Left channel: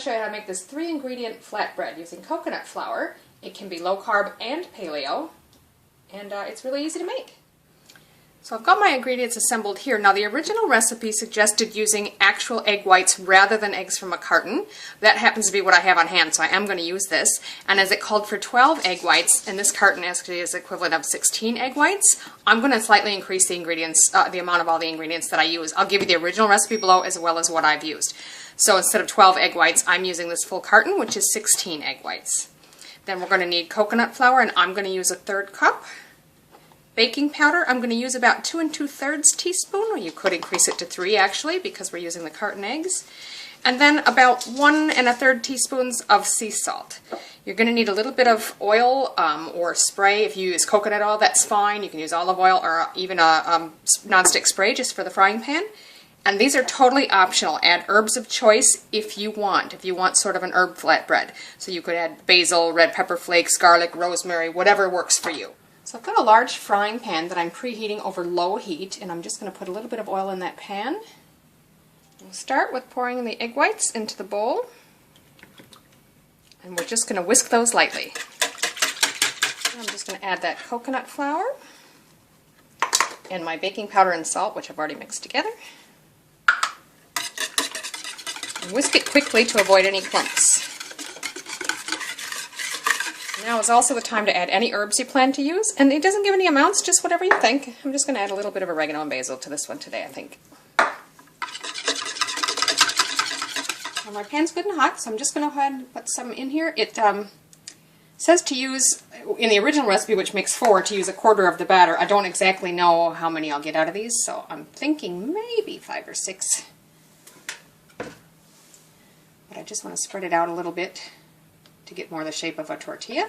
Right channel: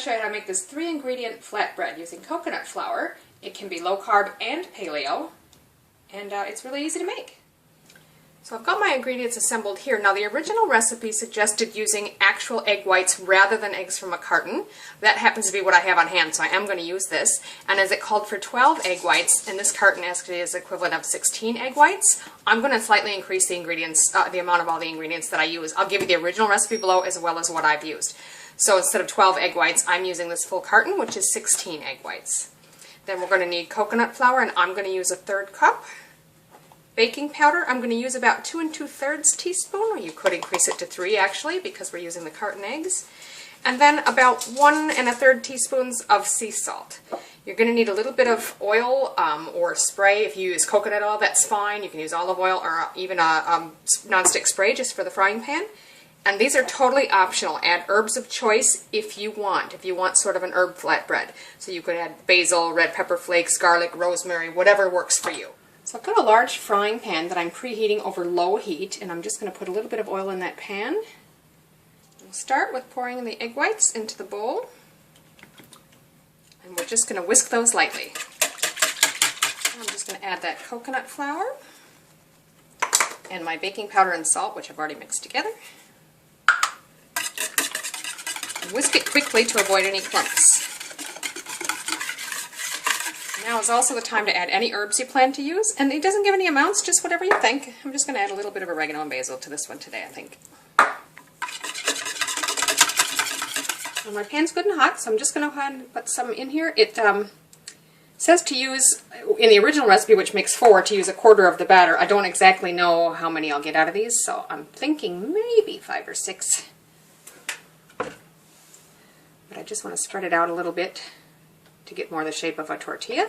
to show you how to make this 3-ingredient flatbread using coconut flour. It can be low carb and paleo, and it's really easy to make. So I've got my ingredients assembled here. Now the original recipe suggested using actual egg whites rather than eggs from a carton. That happens to be what I have on hand, so I am going to use this. And as it called for 12 egg whites, and this carton actually is equivalent of 16 egg whites, I'm going to slightly increase the ingredients, the amount of all the ingredients that I use. I'll give you the original recipe below as well as what I've used. So instead of 12 egg whites, I'm using this full carton, which is 16 egg whites. Then we're going to need coconut flour, and I'm going to use a 1/3 cup. Baking powder, I'm going to use about 2 2/3 teaspoon. You could increase it to 3 actually, because we're using the carton eggs. And then about 1 1/3 teaspoons of sea salt. You're going to need a little bit of oil or spray. If you use coconut oil, that's fine. You can use olive oil or even a nonstick spray just for the frying pan. And these are totally optional. Add herbs of choice if you want. If you want sort of an herb flatbread. So you could add basil, red pepper flakes, garlic, rosemary, whatever works for you. So I've got a large frying pan that I'm preheating over low heat, and I'm just going to put a little bit of oil in that pan. We'll start with pouring the egg whites into the bowl, and we're just going to whisk those lightly. I'm just going to add that coconut flour and my baking powder and salt, which I've already mixed together. And whisk it quickly to avoid any clumps. Now is also the time to add any herbs you plan to use, and it doesn't give any amounts, just whatever you think. I'm just going to add a little bit of oregano and basil to this one today, I think. Well, my pan's good and hot, so I'm just going to go ahead and put some in here. It says to use, in the original recipe, which makes 4, to use 1/4 of the batter. I don't exactly know how many I'll get out of these, so I'm thinking maybe 5 or 6. But I just want to spread it out a little bit to get more the shape of a tortilla.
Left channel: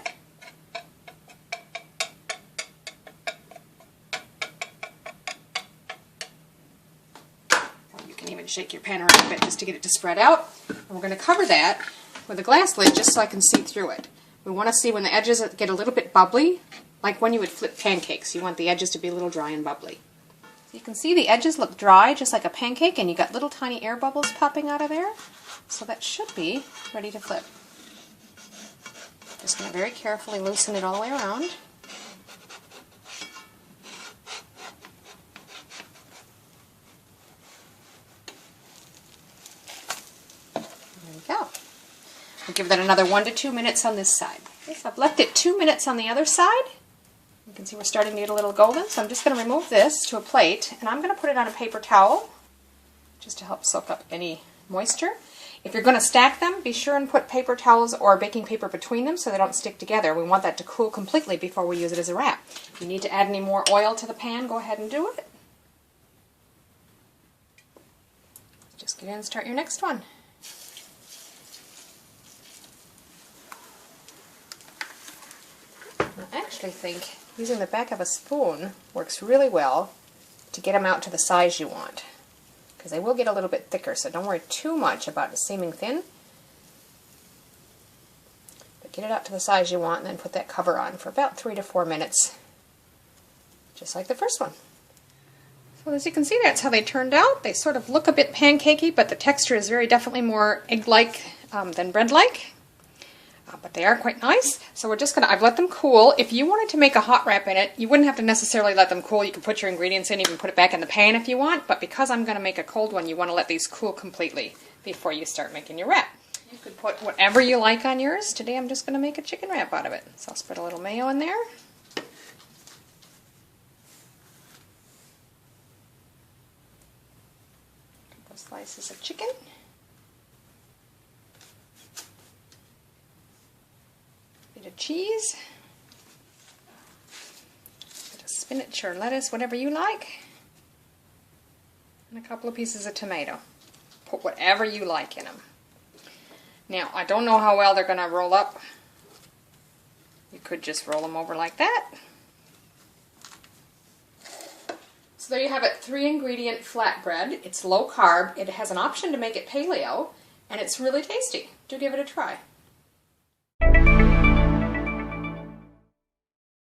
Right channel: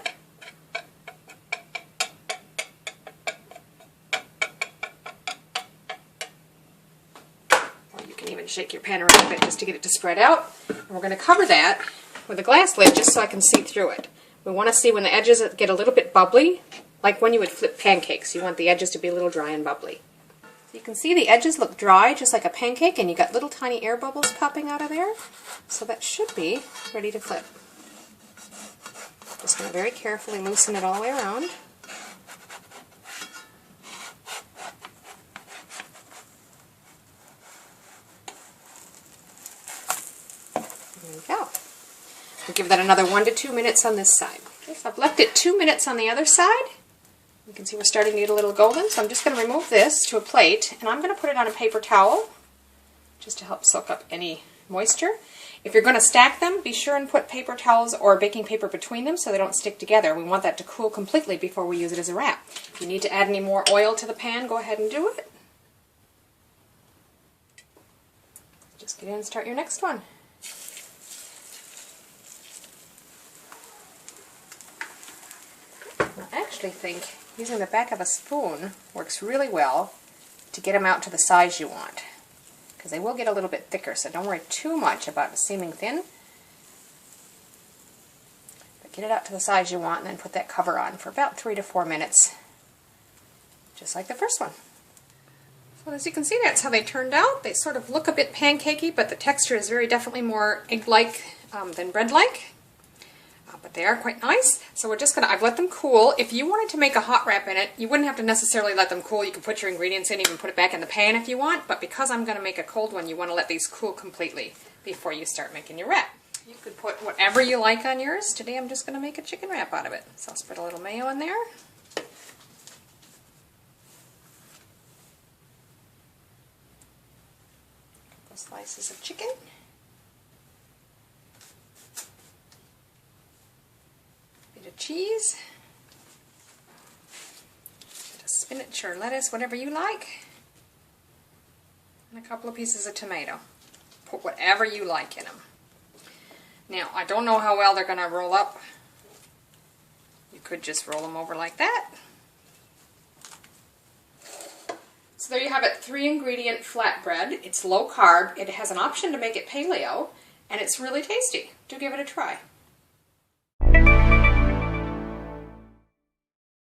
Or you can even shake your pan around a bit just to get it to spread out. And we're going to cover that with a glass lid just so I can see through it. We want to see when the edges get a little bit bubbly, like when you would flip pancakes. You want the edges to be a little dry and bubbly. You can see the edges look dry, just like a pancake, and you got little tiny air bubbles popping out of there. So that should be ready to flip. Just going to very carefully loosen it all the way around. There we go. We'll give that another 1 to 2 minutes on this side. Okay, so I've left it 2 minutes on the other side. You can see we're starting to get a little golden, so I'm just going to remove this to a plate, and I'm going to put it on a paper towel just to help soak up any moisture. If you're going to stack them, be sure and put paper towels or baking paper between them so they don't stick together. We want that to cool completely before we use it as a wrap. If you need to add any more oil to the pan, go ahead and do it. Just get in and start your next one. I actually think using the back of a spoon works really well to get them out to the size you want, because they will get a little bit thicker, so don't worry too much about it seeming thin. But get it out to the size you want, and then put that cover on for about 3 to 4 minutes, just like the first one. So as you can see, that's how they turned out. They sort of look a bit pancakey, but the texture is very definitely more egg-like than bread-like. But they are quite nice. So we're just going to, I've let them cool. If you wanted to make a hot wrap in it, you wouldn't have to necessarily let them cool. You can put your ingredients in, even put it back in the pan if you want. But because I'm going to make a cold one, you want to let these cool completely before you start making your wrap. You could put whatever you like on yours. Today I'm just going to make a chicken wrap out of it. So I'll spread a little mayo in there. A couple slices of chicken. Of cheese, a bit of spinach or lettuce, whatever you like, and a couple of pieces of tomato. Put whatever you like in them. Now, I don't know how well they're going to roll up. You could just roll them over like that. So there you have it, 3-ingredient flatbread. It's low carb. It has an option to make it paleo, and it's really tasty. Do give it a try.